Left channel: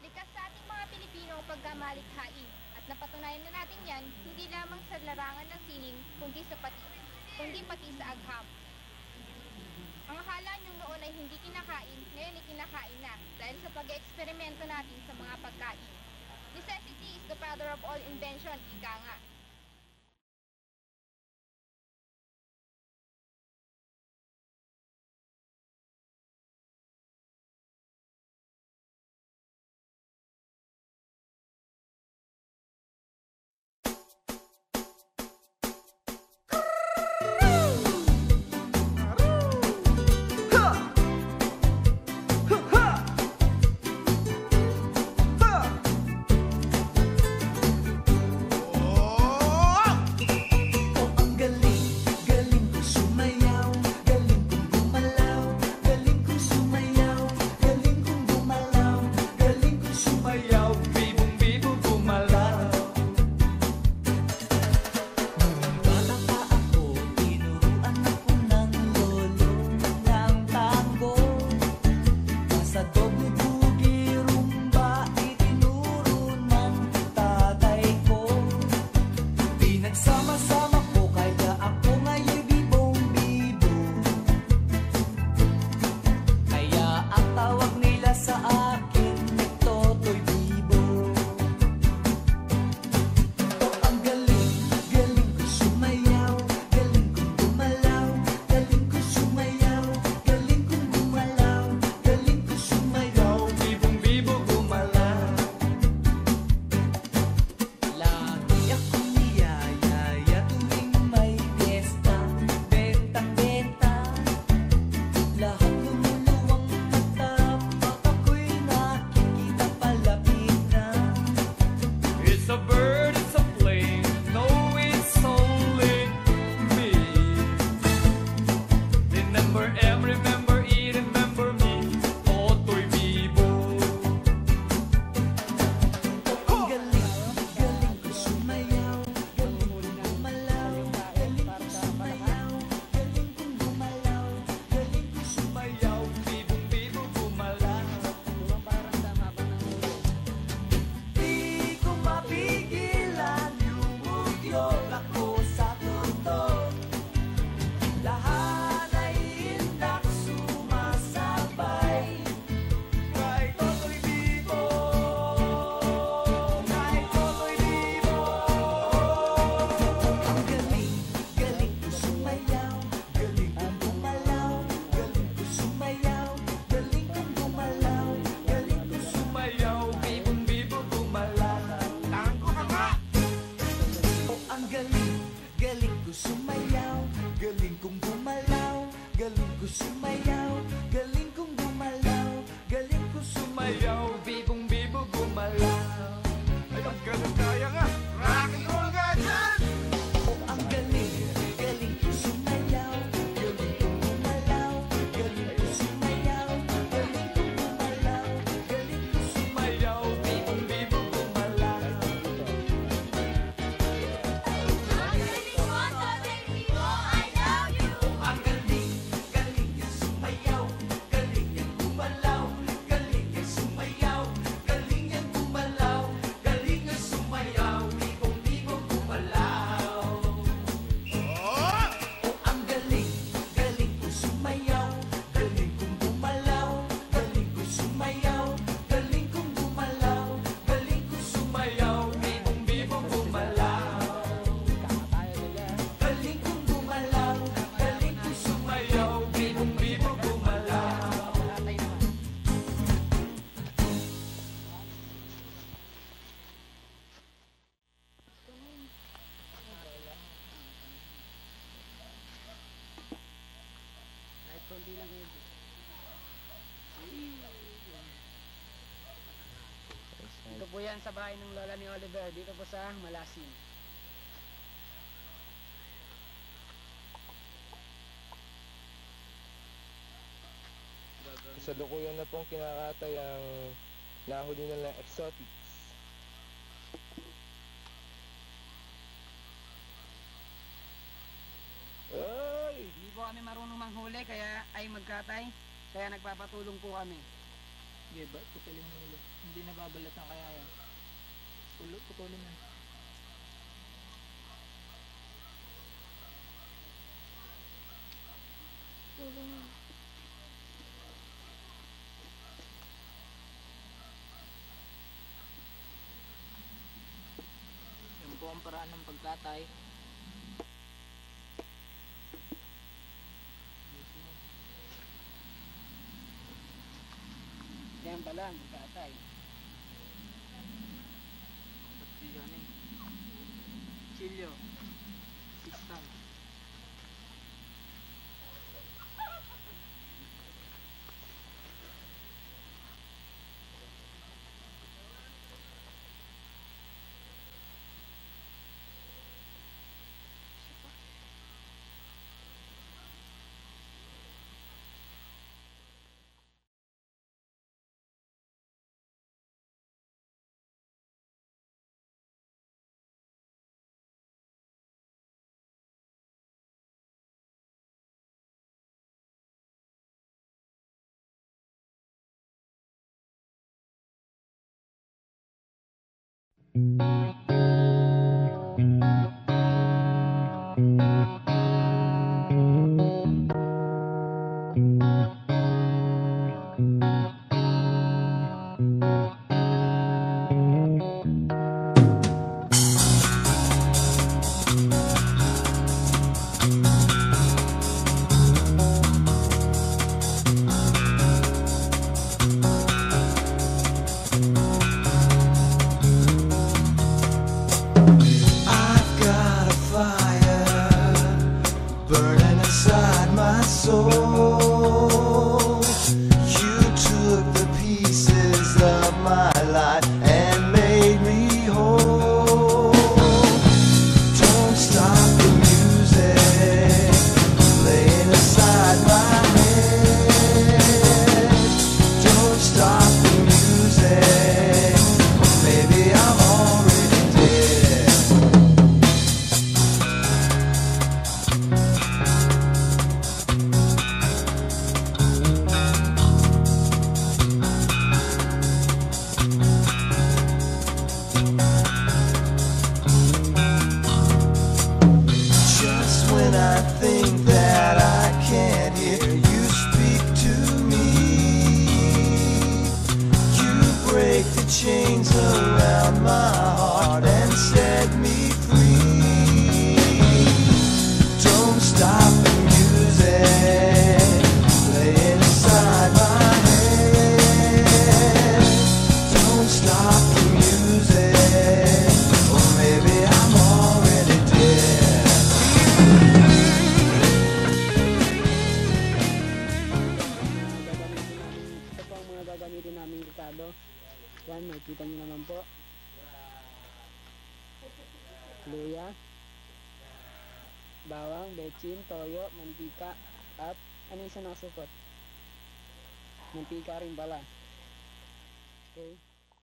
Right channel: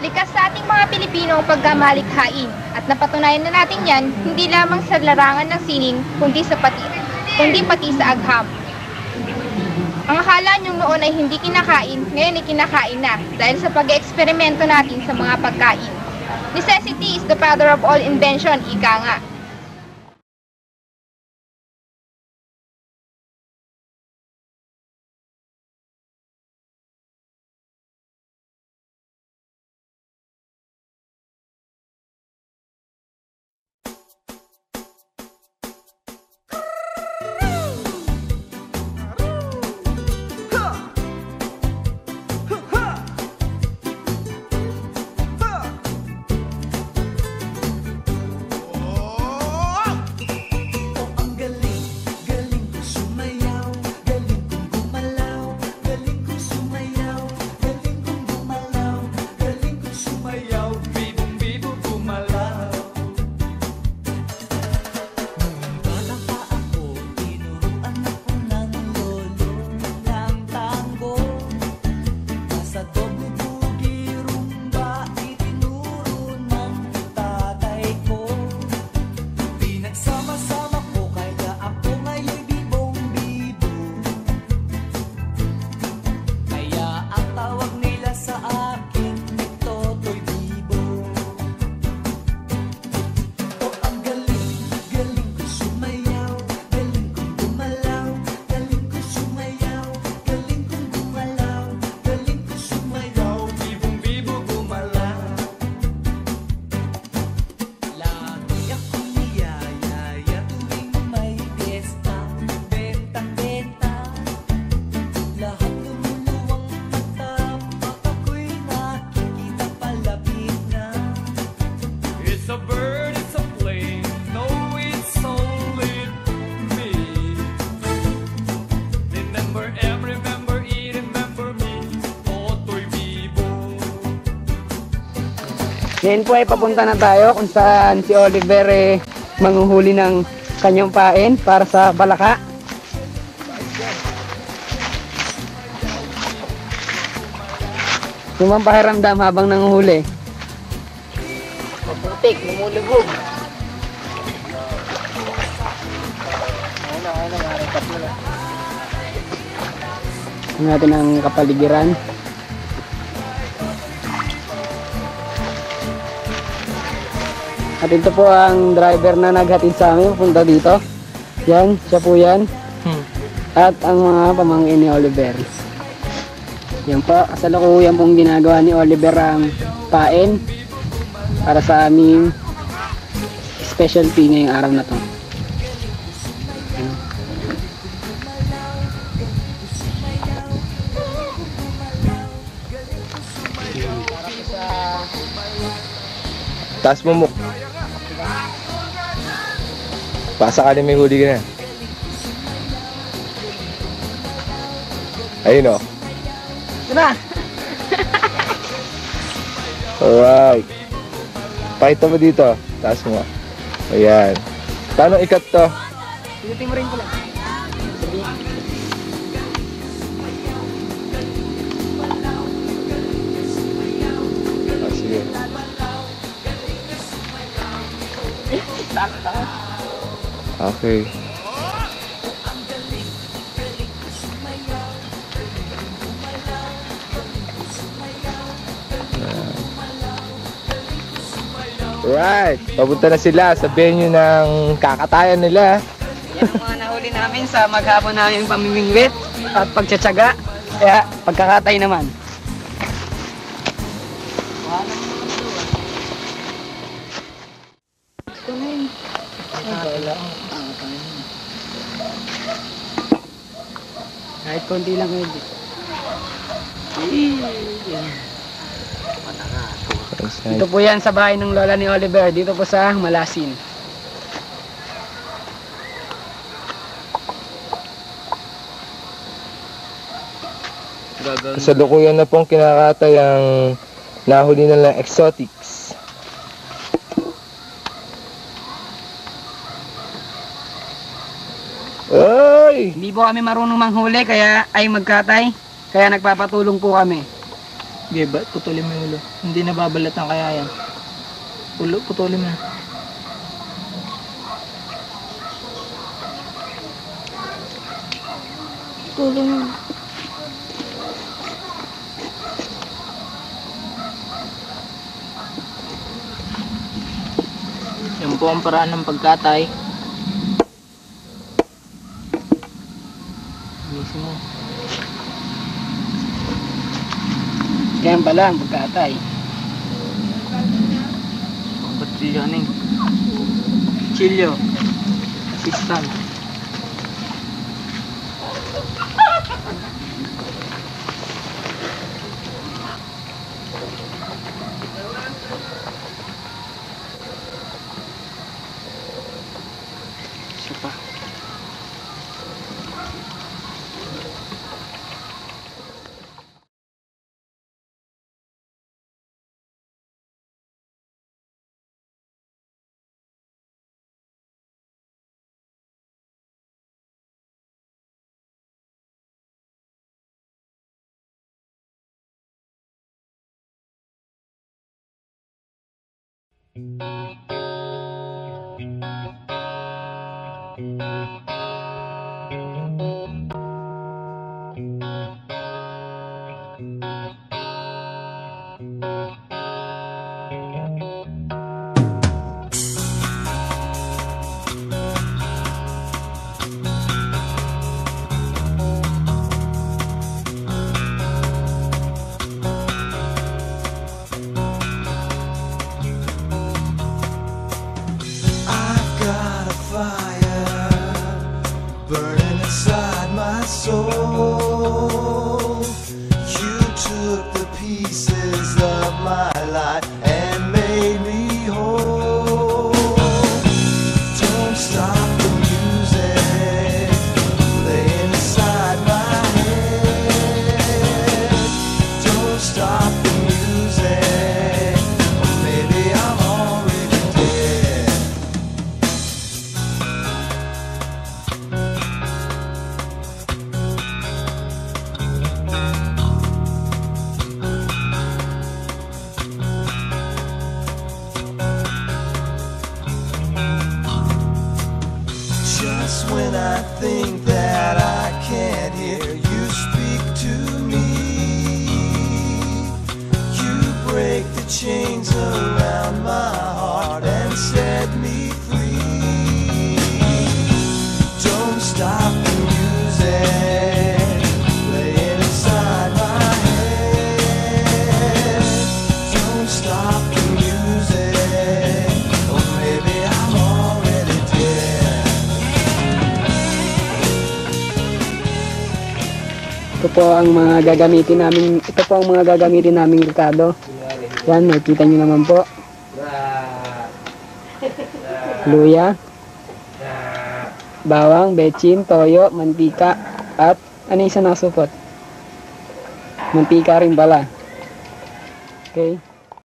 Likas sa ating mga Pilipino ang pagkamalikhain at napatunayan na natin yan hindi lamang sa larangan ng sining kundi pati sa agham. Ang akala niyong noon ay hindi kinakain, ngayon ay kinakain na dahil sa pag-eksperimento natin sa mga pagkain. Necessity is the father of all invention, ika nga. Ngayon po ay papunta na tayo kung saan si Oliver manghuhuli ng kanyang pain para sa palaka. Yung pakiramdam habang nanguhuli. Mabutik, lumulubog. Tingnan natin ang kapaligiran. At ito po ang driver na naghatid sa amin punta dito. Yan, siya po yan. At ang mga pamangkin ni Oliver. Yan po, kasalukuyan pong ginagawa ni Oliver ang pain para sa aming specialty ngayong araw na to. Taas mo mo. Pasa ka na may huli ka na. Ayun o. Tara! Alright. Pakita mo dito. Taas mo. Ayan. Paano ikat to? Ikutin mo rin ko lang. Okay. Right. Papunta na sila sa venue ng kakatayan nila. Yan ang mga nahuli namin sa maghapon namin pamimingwit at pagtsatsaga. Kaya pagkakatay naman. Kahit konti lang ngayon. Dito po yan sa bahay ng lola ni Oliver. Dito po sa Malasin. Kasalukuyan na pong kinakatay ang nahuli na lang exotics. Oy! Hindi po kami marunong manghuli kaya ay magkatay. Kaya nagpapatulong po kami. Okay, putulin mo yung ulo. Hindi nababalatan kaya yan. Putulin mo na. Tulong. Yan po ang paraan ng pagkatay. Ayusin mo. Yan pala ang pagkatay. Pagkatay yan eh. Chilyo. Assistant. Isa pa. Burning inside my soul. You took the pieces of my life and made me whole. Don't stop the music playing inside my head. Don't stop the music, or maybe I'm already dead. Just when I think that I can't hear you speak to me, you break the chains around my heart and set me free. Don't stop the music playing inside my head. Don't stop the music, or maybe I'm already dead. Ito po ang mga gagamitin naming ricado. Yan, nakikita nyo naman po. Luya, bawang, betchin, toyo, mantika, at ano yung isa nakasupot? Mantika rin pala. Okay.